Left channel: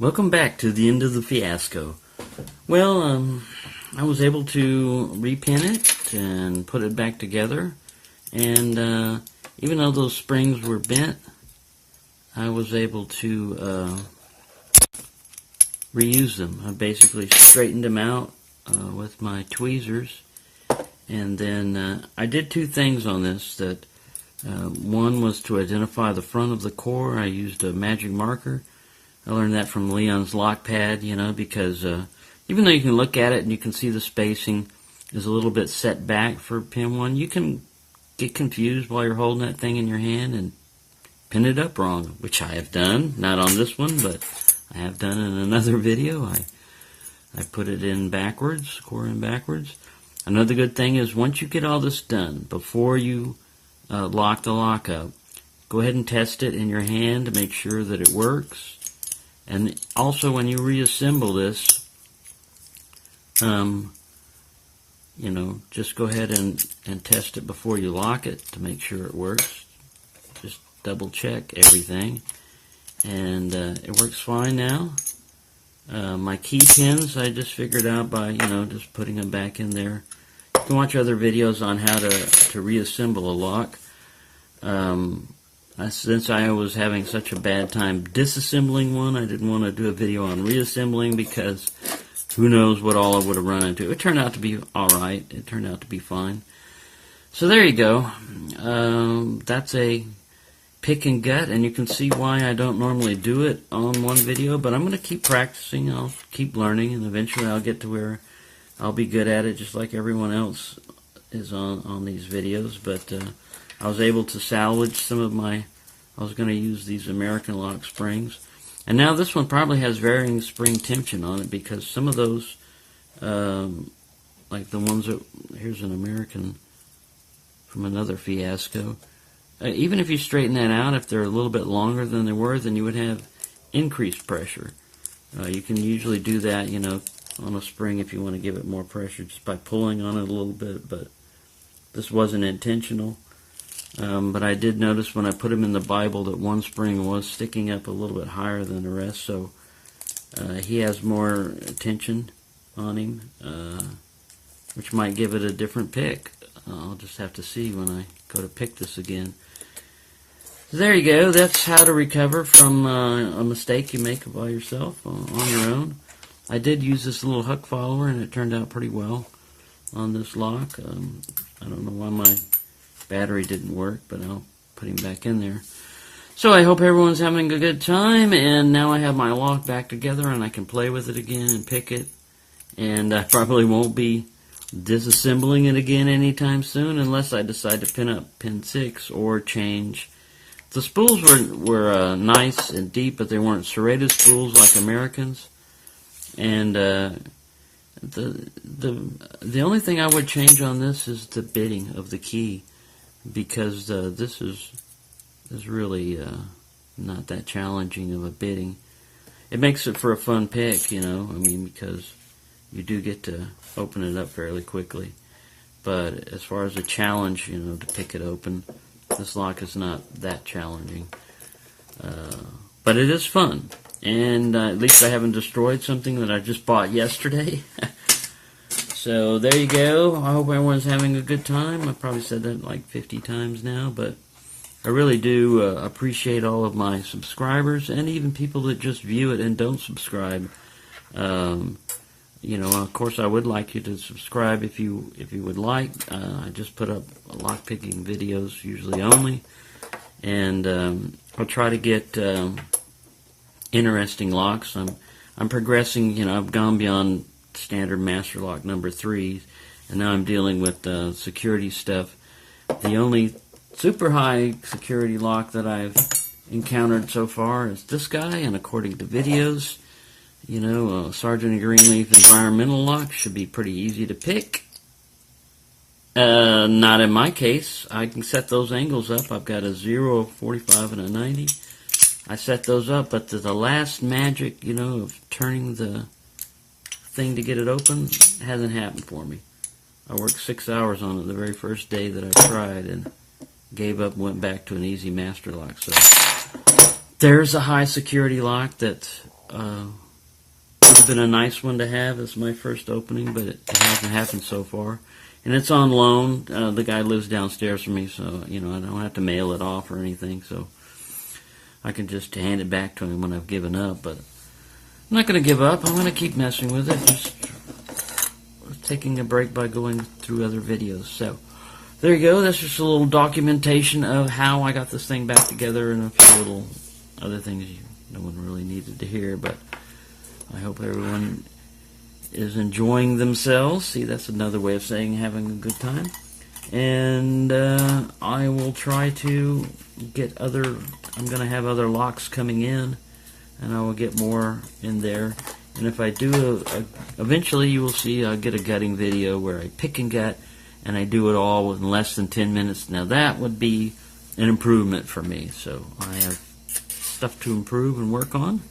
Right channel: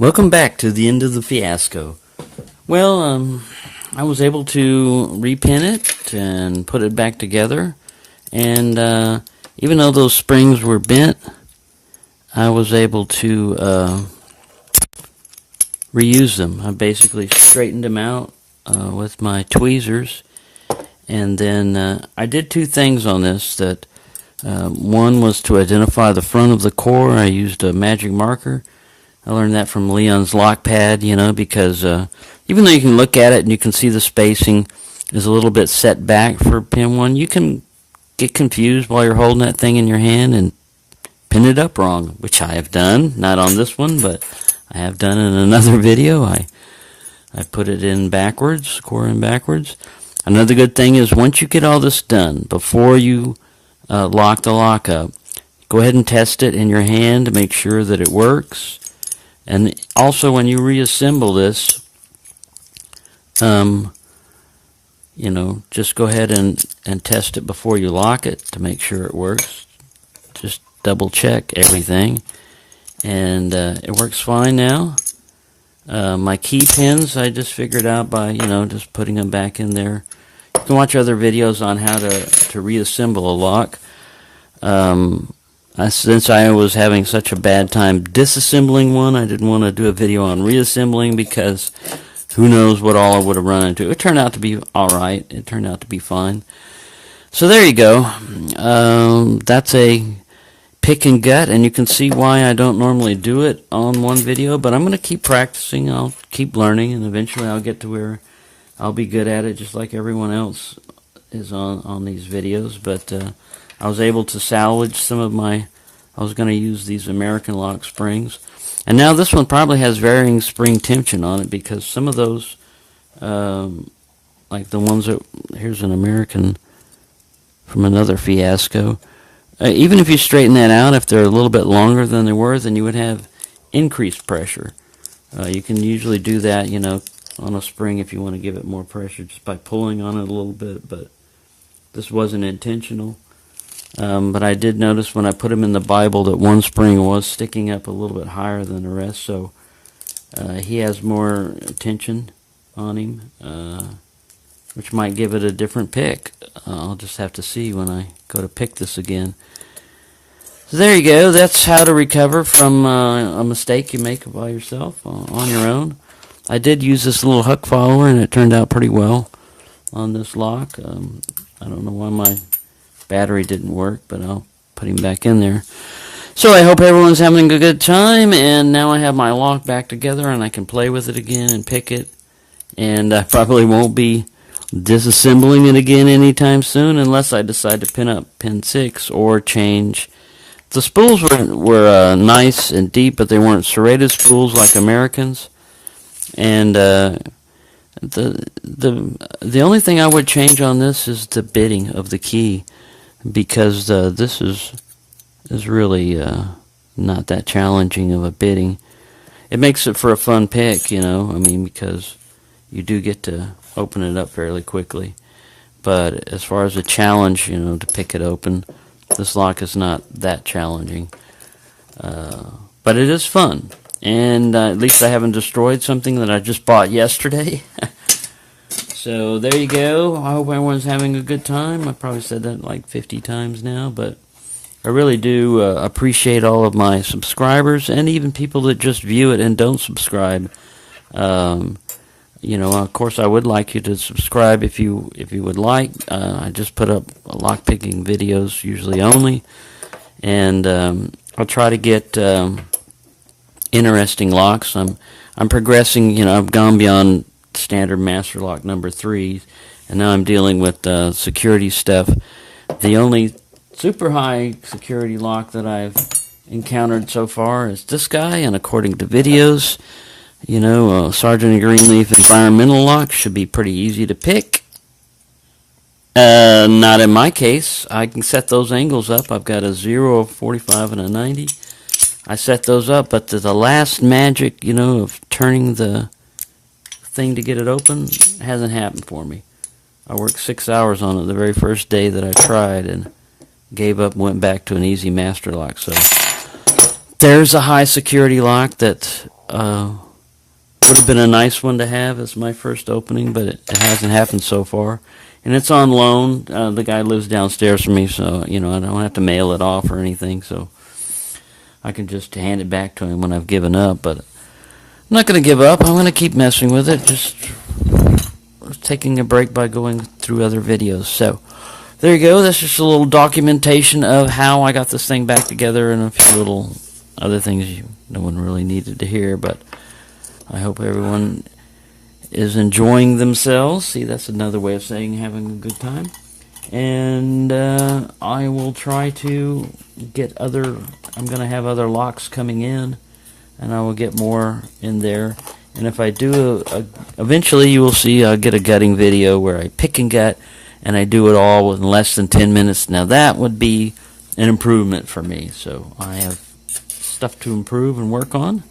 Welcome back to the end of the fiasco. Well, I was able to repin it and put it back together, and even though those springs were bent, I was able to reuse them. I basically straightened them out with my tweezers, and then I did two things on this. One was to identify the front of the core. I used a magic marker. I learned that from Leon's lock pad, because even though you can look at it and you can see the spacing is a little bit set back for pin 1, you can get confused while you're holding that thing in your hand and pin it up wrong, which I have done. Not on this one, but I have done in another video. I put it in backwards, core in backwards. Another good thing is once you get all this done, before you lock the lock up, go ahead and test it in your hand to make sure that it works. And also when you reassemble this, just go ahead and test it before you lock it to make sure it works. Just double check everything. And it works fine now. My key pins I just figured out by, just putting them back in there. You can watch other videos on how to reassemble a lock. Since I was having such a bad time disassembling one, I didn't want to do a video on reassembling because who knows what all I would have run into. It turned out to be alright. It turned out to be fine. So there you go. That's a pick and gut, and you can see why I don't normally do it on one video, but I'm going to keep practicing. I'll keep learning, and eventually I'll get to where I'll be good at it just like everyone else is on these videos. But I was able to salvage some of I was going to use these American lock springs. And now this one probably has varying spring tension on it because some of those, like the ones that, here's an American from another fiasco. Even if you straighten that out, if they're a little bit longer than they were, then you would have increased pressure. You can usually do that, on a spring if you want to give it more pressure just by pulling on it a little bit, but this wasn't intentional. But I did notice when I put them in the Bible that one spring was sticking up a little bit higher than the rest, so he has more tension on him, which might give it a different pick. I'll just have to see when I go to pick this again. So there you go. That's how to recover from a mistake you make by yourself on your own. I did use this little hook follower, and it turned out pretty well on this lock. I don't know why my battery didn't work, but I'll put him back in there. So I hope everyone's having a good time, and now I have my lock back together and I can play with it again and pick it, and I probably won't be disassembling it again anytime soon unless I decide to pin up pin 6 or change. The spools were nice and deep, but they weren't serrated spools like Americans, and the only thing I would change on this is the bitting of the key, because this is really not that challenging of a bitting. It makes it for a fun pick, because you do get to open it up fairly quickly. But as far as a challenge, to pick it open, this lock is not that challenging. But it is fun, and at least I haven't destroyed something that I just bought yesterday. So there you go. I hope everyone's having a good time. I probably said that like 50 times now, but I really do appreciate all of my subscribers and even people that just view it and don't subscribe. Of course, I would like you to subscribe if you would like. I just put up lockpicking videos usually only, and I'll try to get interesting locks. I'm progressing. I've gone beyond standard master lock number 3, and now I'm dealing with security stuff. The only super high security lock that I've encountered so far is this guy, and according to videos, Sergeant Greenleaf environmental lock should be pretty easy to pick. Not in my case. I can set those angles up. I've got a 0, a 45, and a 90. I set those up, but the last magic, of turning the thing to get it open hasn't happened for me. I worked 6 hours on it the very first day that I tried and gave up and went back to an easy master lock. So there's a high security lock that would have been a nice one to have as my first opening, but it hasn't happened so far. And it's on loan. The guy lives downstairs from me, so, I don't have to mail it off or anything, so I can just hand it back to him when I've given up. But I'm not going to give up. I'm going to keep messing with it, just taking a break by going through other videos. So there you go. That's just a little documentation of how I got this thing back together, and a few little other things no one really needed to hear, but I hope everyone is enjoying themselves. See, that's another way of saying having a good time. And I will try to get I'm going to have other locks coming in, and I will get more in there. And if I do, eventually you will see I'll get a gutting video where I pick and gut, and I do it all in less than 10 minutes. Now that would be an improvement for me. So I have stuff to improve and work on.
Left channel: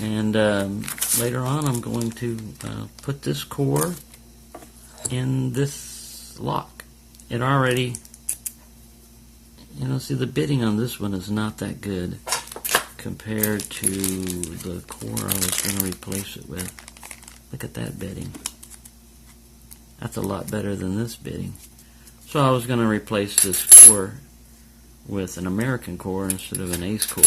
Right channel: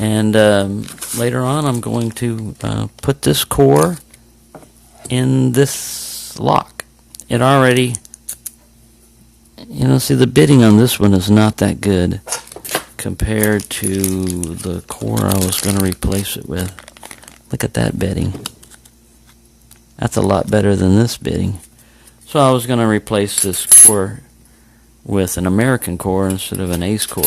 And later on, I'm going to put this core in this lock. It already, see, the bitting on this one is not that good compared to the core I was going to replace it with. Look at that bitting. That's a lot better than this bitting. So I was going to replace this core with an American core instead of an Ace core.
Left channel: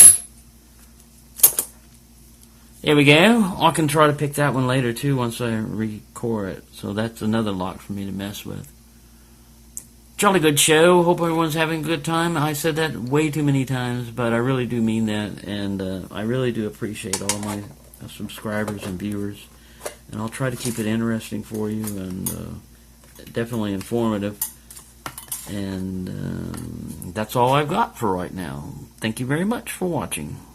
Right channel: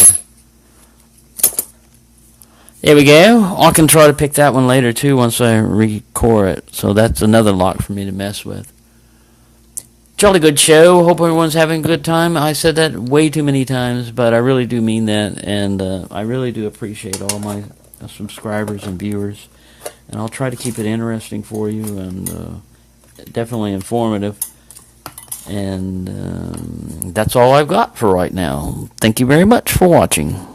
There we go. I can try to pick that one later too once I recore it. So that's another lock for me to mess with. Jolly good show. Hope everyone's having a good time. I said that way too many times, but I really do mean that. And I really do appreciate all my subscribers and viewers. And I'll try to keep it interesting for you and definitely informative. And that's all I've got for right now. Thank you very much for watching.